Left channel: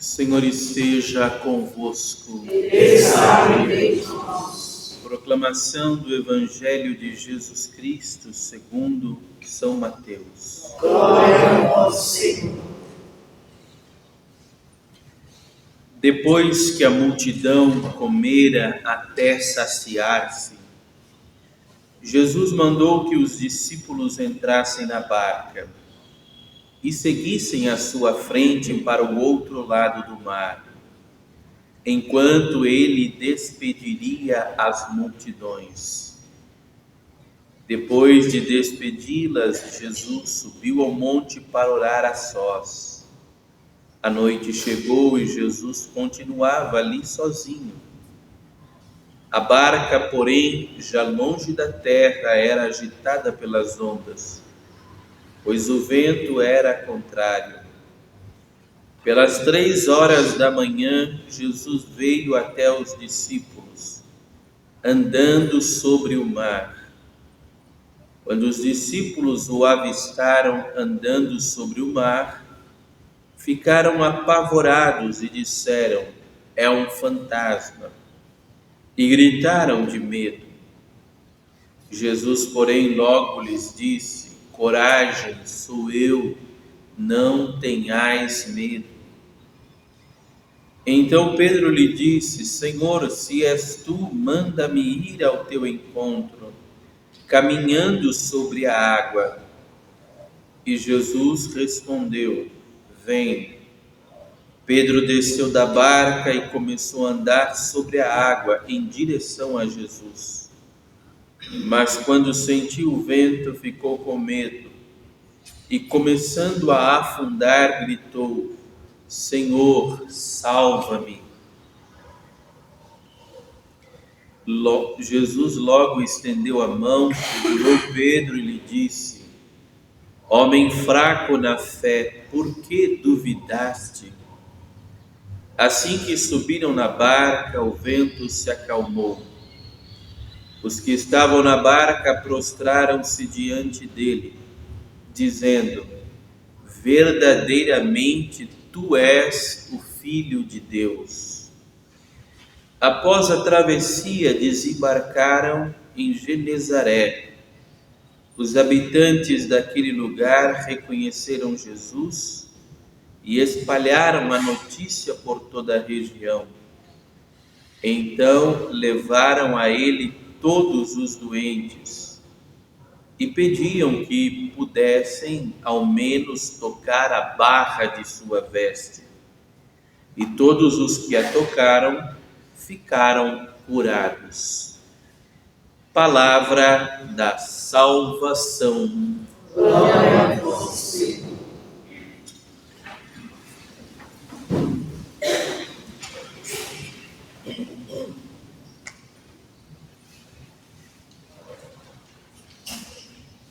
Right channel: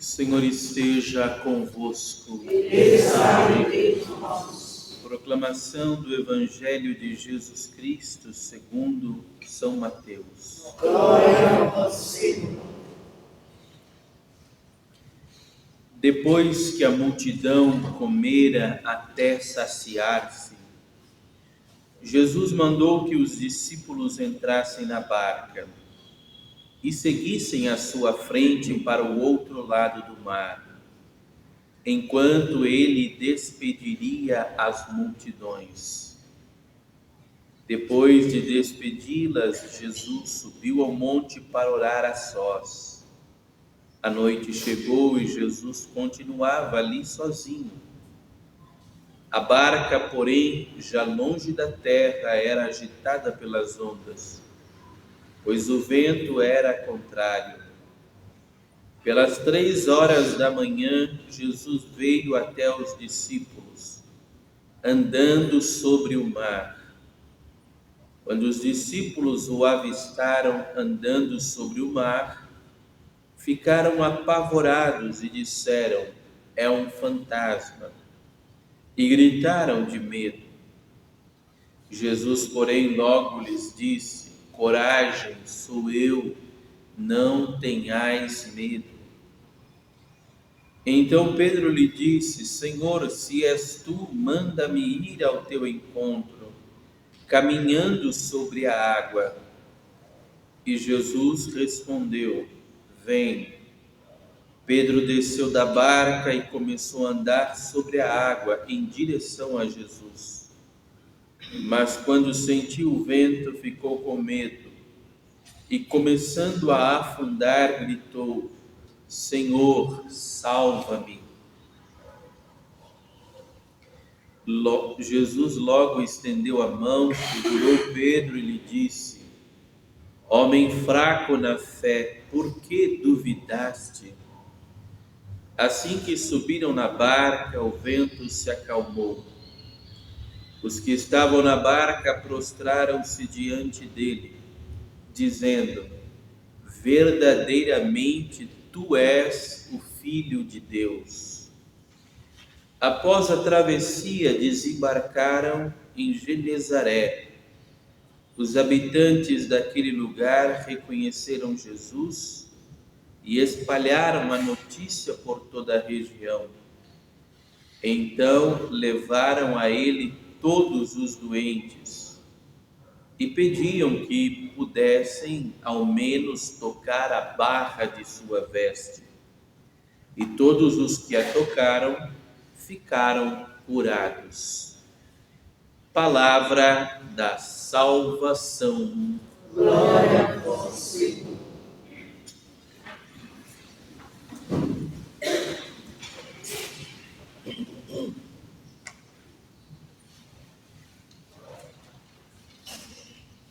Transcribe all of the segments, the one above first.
O Senhor esteja convosco. Ele está no meio de nós. Proclamação do Evangelho de Jesus Cristo segundo São Mateus. Glória a vós, Senhor. Depois que a multidão comera até saciar-se, Jesus mandou que os discípulos entrassem na barca e seguissem à sua frente para o outro lado do mar, enquanto ele despediria as multidões. Depois de despedi-las, Jesus subiu ao monte para orar a sós. A noite chegou e Jesus continuava ali sozinho. A barca, porém, já longe da terra, era agitada pelas ondas, pois o vento era contrário. Pelas 3 horas da manhã, Jesus veio até os discípulos, andando sobre o mar. Quando os discípulos o avistaram andando sobre o mar, ficaram apavorados e disseram: "É um fantasma", e gritaram de medo. Jesus, porém, logo lhes disse: "Coragem, sou eu, não tenhais medo." Então Pedro lhe disse: "Senhor, se és tu, manda-me ir ao teu encontro, caminhando sobre a água." E Jesus respondeu: "Vem." Pedro desceu da barca e começou a andar sobre a água em direção a Jesus. Mas quando sentiu o vento, ficou com medo e, começando a afundar, gritou: "Senhor, salva-me." Jesus logo estendeu a mão, segurou Pedro e lhe disse: "Homem fraco na fé, por que duvidaste?" Assim que subiram na barca, o vento se acalmou. Os que estavam na barca prostraram-se diante dele, dizendo: "Verdadeiramente tu és o Filho de Deus." Após a travessia, desembarcaram em Genezaré. Os habitantes daquele lugar reconheceram Jesus e espalharam a notícia por toda a região. Então levaram a ele todos os doentes e pediam que pudessem ao menos tocar a barra de sua veste. E todos os que a tocaram ficaram curados. Palavra da salvação. Glória a vós, Senhor.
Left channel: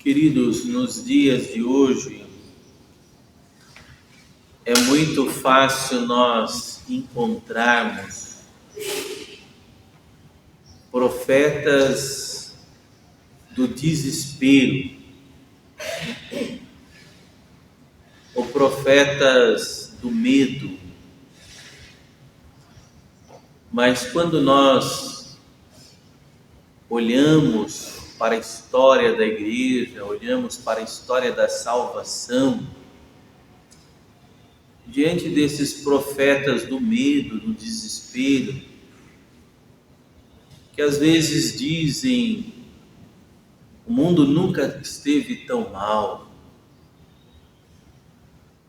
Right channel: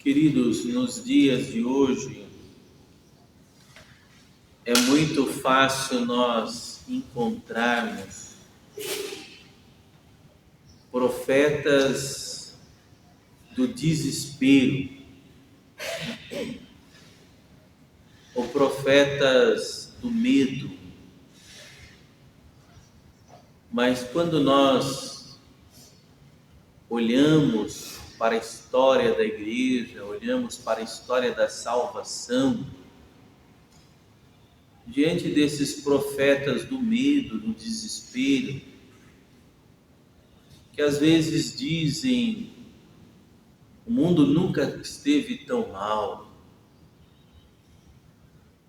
Queridos, nos dias de hoje, é muito fácil nós encontrarmos profetas do desespero, ou profetas do medo. Mas quando nós olhamos para a história da igreja, olhamos para a história da salvação, diante desses profetas do medo, do desespero, que às vezes dizem: "O mundo nunca esteve tão mal",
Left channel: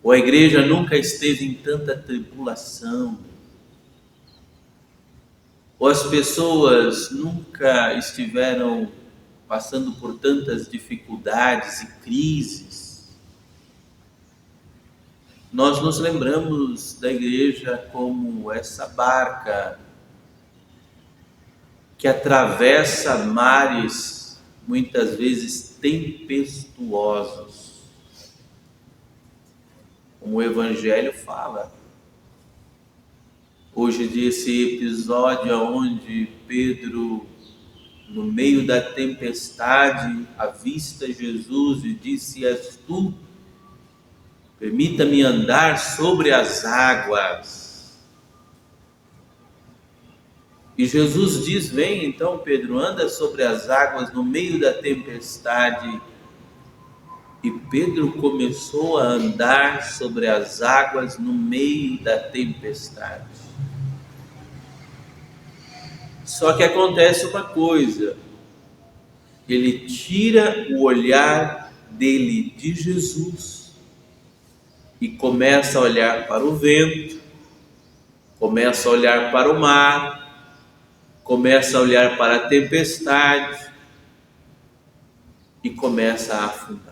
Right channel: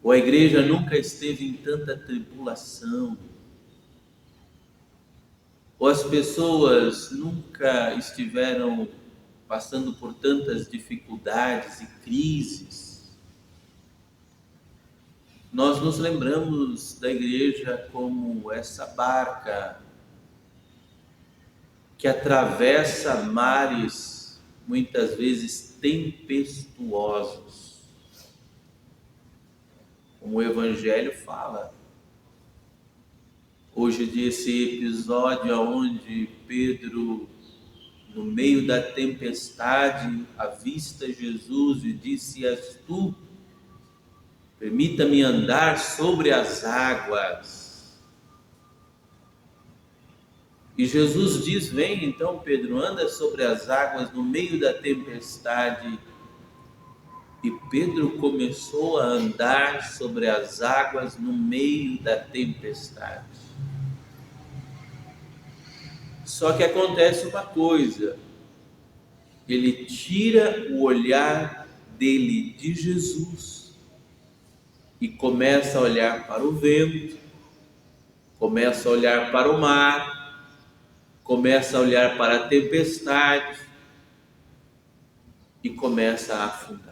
ou "A igreja nunca esteve em tanta tribulação", ou "As pessoas nunca estiveram passando por tantas dificuldades e crises", nós nos lembramos da igreja como essa barca que atravessa mares muitas vezes tempestuosos, como o Evangelho fala. Hoje desse episódio onde Pedro, no meio da tempestade, avista Jesus e disse: "És tu, permita-me andar sobre as águas." E Jesus diz: vem então, Pedro, anda sobre as águas no meio da tempestade. E Pedro começou a andar sobre as águas no meio da tempestade. Só que acontece uma coisa: ele tira o olhar dele de Jesus e começa a olhar para o vento, começa a olhar para o mar, começa a olhar para a tempestade e começa a afundar.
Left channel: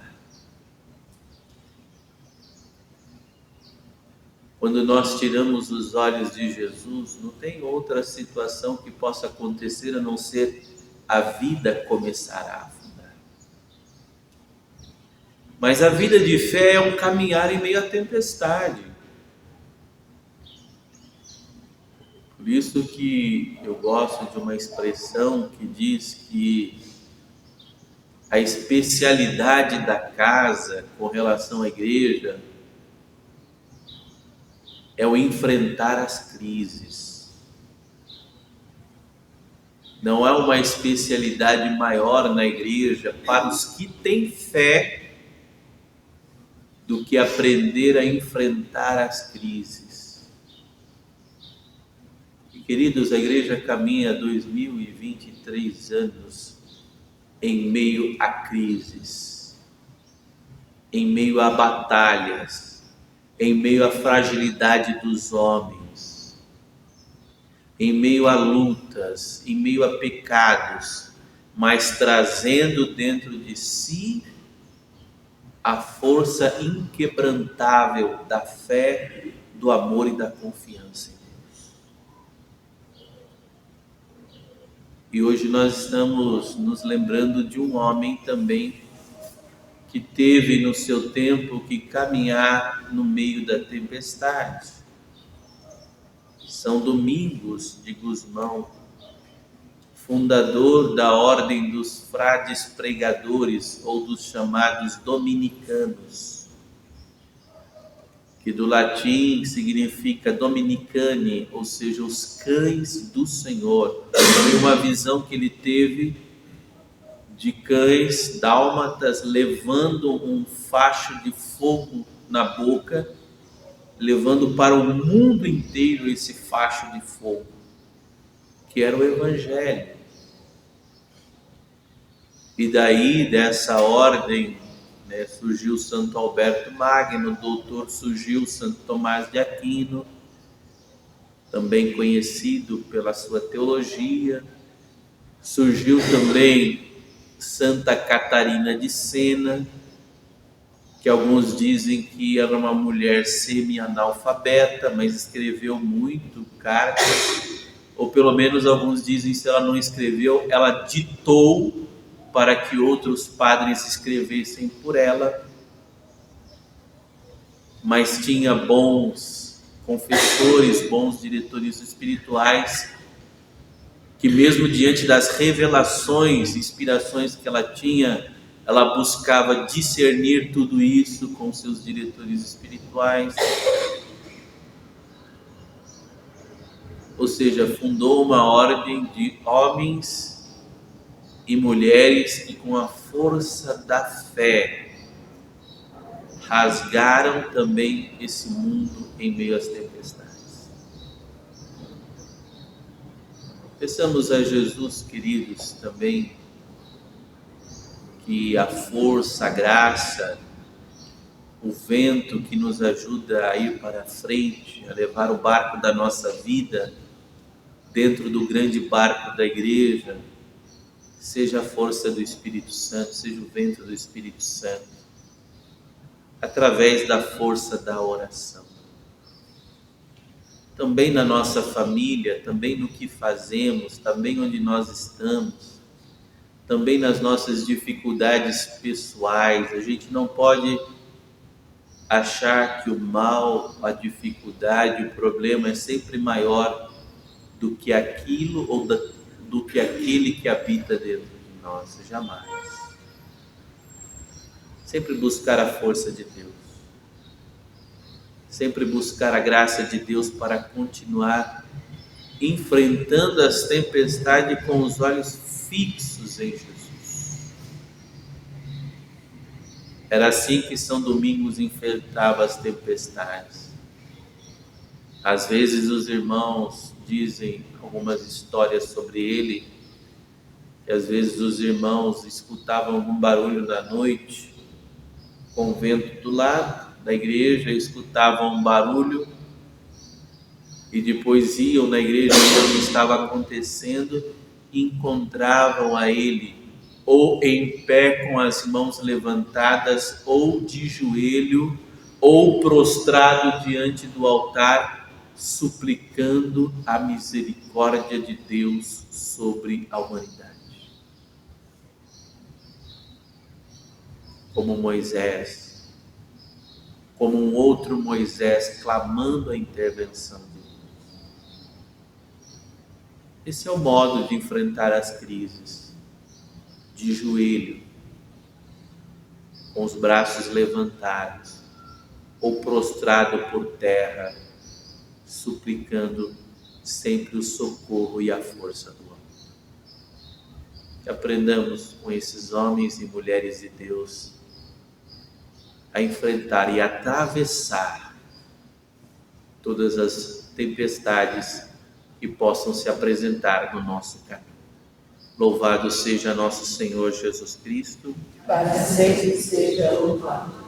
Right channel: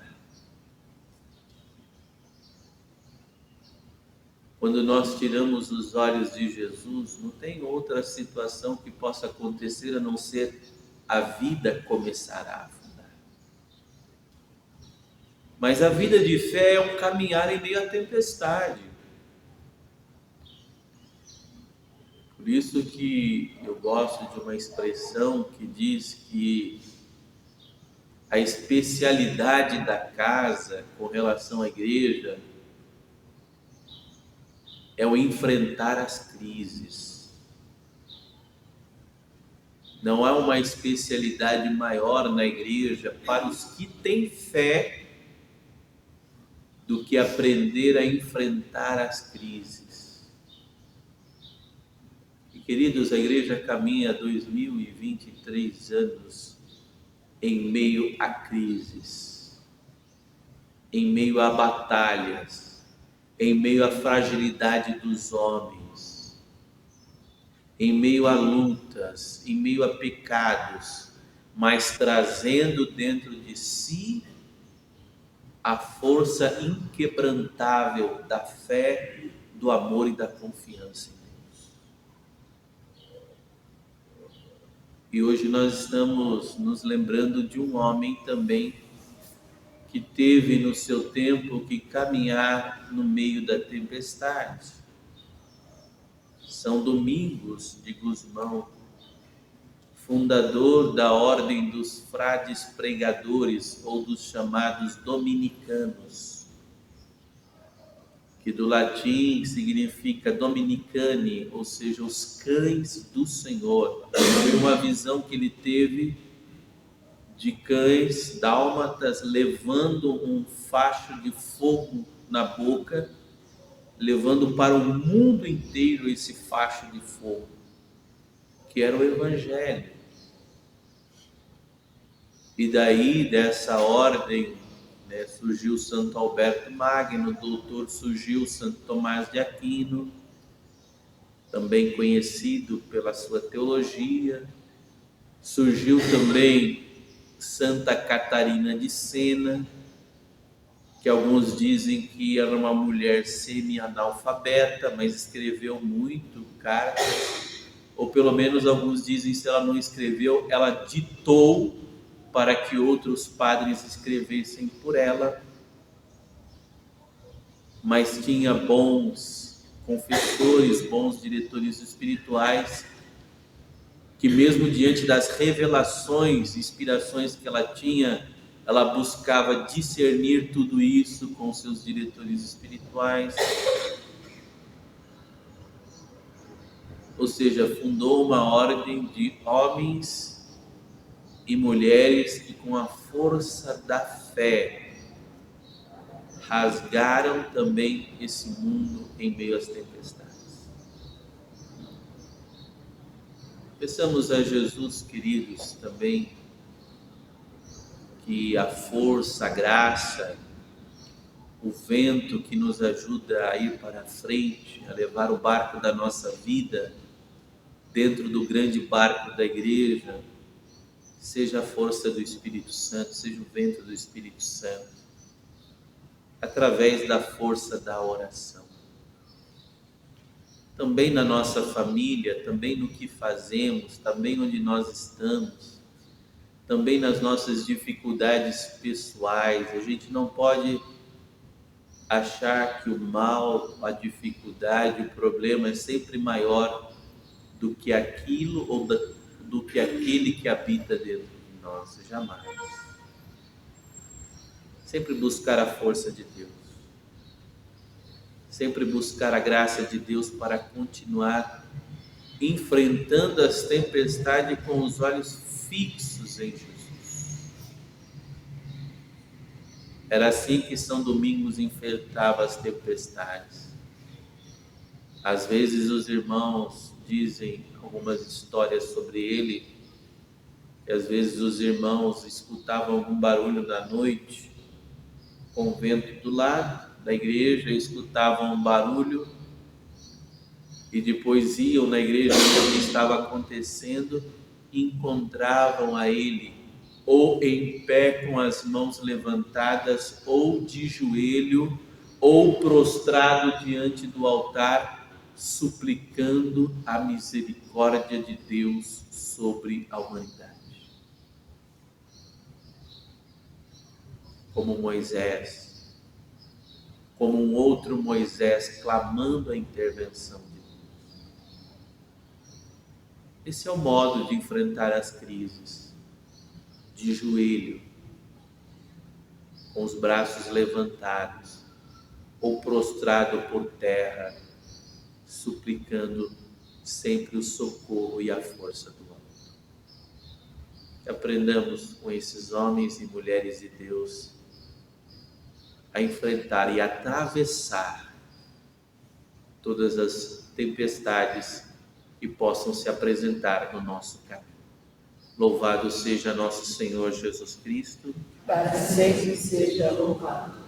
Quando nós tiramos os olhos de Jesus, não tem outra situação que possa acontecer a não ser a vida começar a afundar. Mas a vida de fé é um caminhar em meio à tempestade. Por isso que eu gosto de uma expressão que diz que a especialidade da casa com relação à igreja é o enfrentar as crises. Não há uma especialidade maior na igreja para os que têm fé do que aprender a enfrentar as crises. E, queridos, a igreja caminha 2023 anos em meio a crises, em meio a batalhas, em meio à fragilidade dos homens, em meio a lutas, em meio a pecados, mas trazendo dentro de si a força inquebrantável da fé, do amor e da confiança em Deus. E hoje nós estamos nos lembrando de um homem também que teve no seu tempo que caminhar no meio da tempestade. São Domingos de Gusmão, fundador da ordem dos frades pregadores ou dos chamados dominicanos, que do latim significa dominicani, ou seja, os cães do Senhor. Foi uma visão que ele teve de cães dálmatas levando um facho de fogo na boca, levando para o mundo inteiro esse facho de fogo, que era o Evangelho. E daí, dessa ordem, surgiu Santo Alberto Magno, doutor, surgiu Santo Tomás de Aquino, também conhecido pela sua teologia, surgiu também Santa Catarina de Sena, que alguns dizem que era uma mulher semi-analfabeta, mas escreveu muito cartas, ou pelo menos alguns dizem que se ela não escreveu, ela ditou para que outros padres escrevessem por ela, mas tinha bons confessores, bons diretores espirituais, que mesmo diante das revelações, inspirações que ela tinha, ela buscava discernir tudo isso com seus diretores espirituais. Ou seja, fundou uma ordem de homens e mulheres que, com a força da fé, rasgaram também esse mundo em meio às tempestades. Peçamos a Jesus, queridos, também que a força, a graça, o vento que nos ajuda a ir para frente, a levar o barco da nossa vida dentro do grande barco da igreja, seja a força do Espírito Santo, seja o vento do Espírito Santo, através da força da oração. Também na nossa família, também no que fazemos, também onde nós estamos, também nas nossas dificuldades pessoais. A gente não pode achar que o mal, a dificuldade, o problema é sempre maior do que aquilo ou do que aquele que habita dentro de nós. Jamais. Sempre buscar a força de Deus. Sempre buscar a graça de Deus para continuar enfrentando as tempestades com os olhos fixos em Jesus. Era assim que São Domingos enfrentava as tempestades. Às vezes os irmãos dizem algumas histórias sobre ele, e às vezes os irmãos escutavam algum barulho na noite, com o vento do lado da igreja, escutavam um barulho e depois iam na igreja ver o que estava acontecendo e encontravam a ele ou em pé com as mãos levantadas, ou de joelho, ou prostrado diante do altar, suplicando a misericórdia de Deus sobre a humanidade. Como Moisés, como um outro Moisés clamando a intervenção de Deus. Esse é o modo de enfrentar as crises, de joelho, com os braços levantados, ou prostrado por terra, suplicando sempre o socorro e a força do amor. Que aprendamos com esses homens e mulheres de Deus a enfrentar e atravessar todas as tempestades que possam se apresentar no nosso caminho. Louvado seja nosso Senhor Jesus Cristo. Para sempre seja louvado.